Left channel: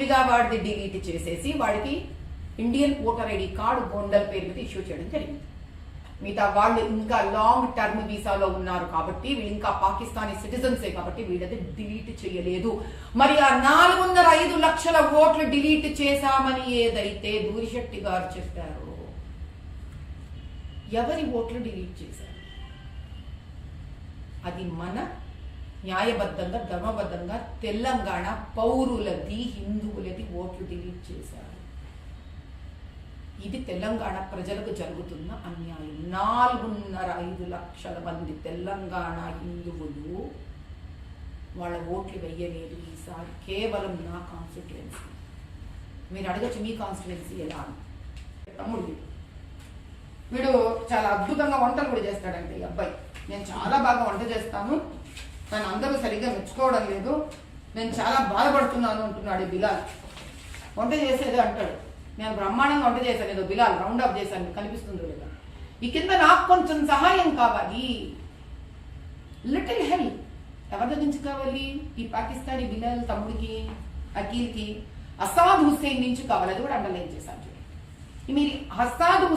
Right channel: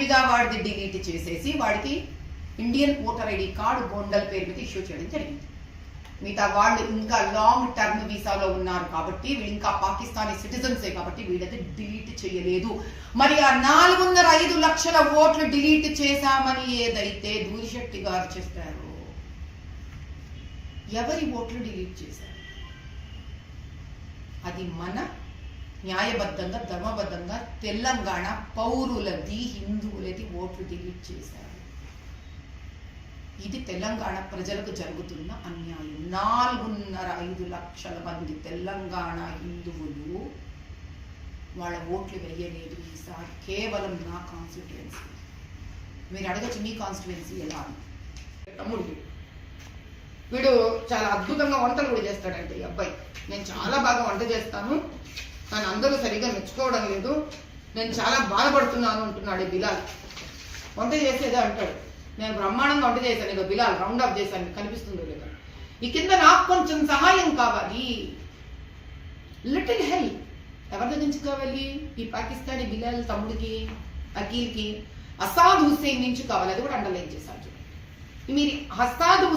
విడిగా వాడిది డిలీట్ చేసేసి వాడికి ఇండియన్ ఓటర్ ఐడి కార్డు గోండల్ పేరు మీద ఇష్యూ చేయడం జరిగింది. మిగతా వాళ్ళు ఇంకా లాంగ్ టర్మ్ వీసాలో ఉన్నారు కాబట్టి వీళ్ళు ఇంకా పాకిస్తానీ సిటిజన్సే కాబట్టి వీళ్ళది డిలీట్ చేయలేదు. మరి ఆ 4.5 లక్షల ఓట్లు డిలీట్ చేశామని ఏదైతే దూరిశెట్టి గారు చెప్పారో ఎవరి ఓట్లు డిలీట్ చేశారు? అది మన న్యాయబద్ధంగా ధర్మబద్ధంగా తెలంగాణ పౌరులది హిందువులది ఓట్లు డిలీట్ చేశారు. ఇది తెలంగాణ ప్రజలకు జరుగుతున్న అన్యాయం. 4.5 లక్షల మంది తెలంగాణ హిందువులు వాళ్ళ ఓట్లు వెయ్యలేదు ఈసారి. కేవలం నా కాన్స్టిట్యుయెన్సీ. మీరు అడగచ్చు మీ కాన్స్టిట్యుయెన్సీ ఎలా అని. తమ్ముడు వీడు చాలా అద్భుతంగా వంటలు కూడా చేస్తాడంటే ఈ అబ్బాయి. నేను చాలా బాగా వంట చేస్తాను, కానీ అందరూ సరిగ్గా మెచ్చుకోవడం లేదు, నేను చాలా బాధపడుతున్నాను అంటున్నాడు బిలాల్. వంట చేసేదో అంటాడు, నేను బ్రహ్మాండంగా వంట చేశాను, ఏదో బిలాల్ రౌండ్ అప్ చేశాను, కనిపిస్తుందో లేదా. ఈ కింద నాకు కొంచెం సహాయం కావాలి, లిటిల్ హెల్ప్. ఎవరి దగ్గర నుంచి కావాలి? ఈ పాకిస్తానీ బిలాల్ తమ్ముడికి, అఖిల్కి, అసాద్ హుస్సేన్ నుంచి కావాలి. అది కూడా అండర్లైన్ చేశాను. మీరు అసాద్ హుస్సేన్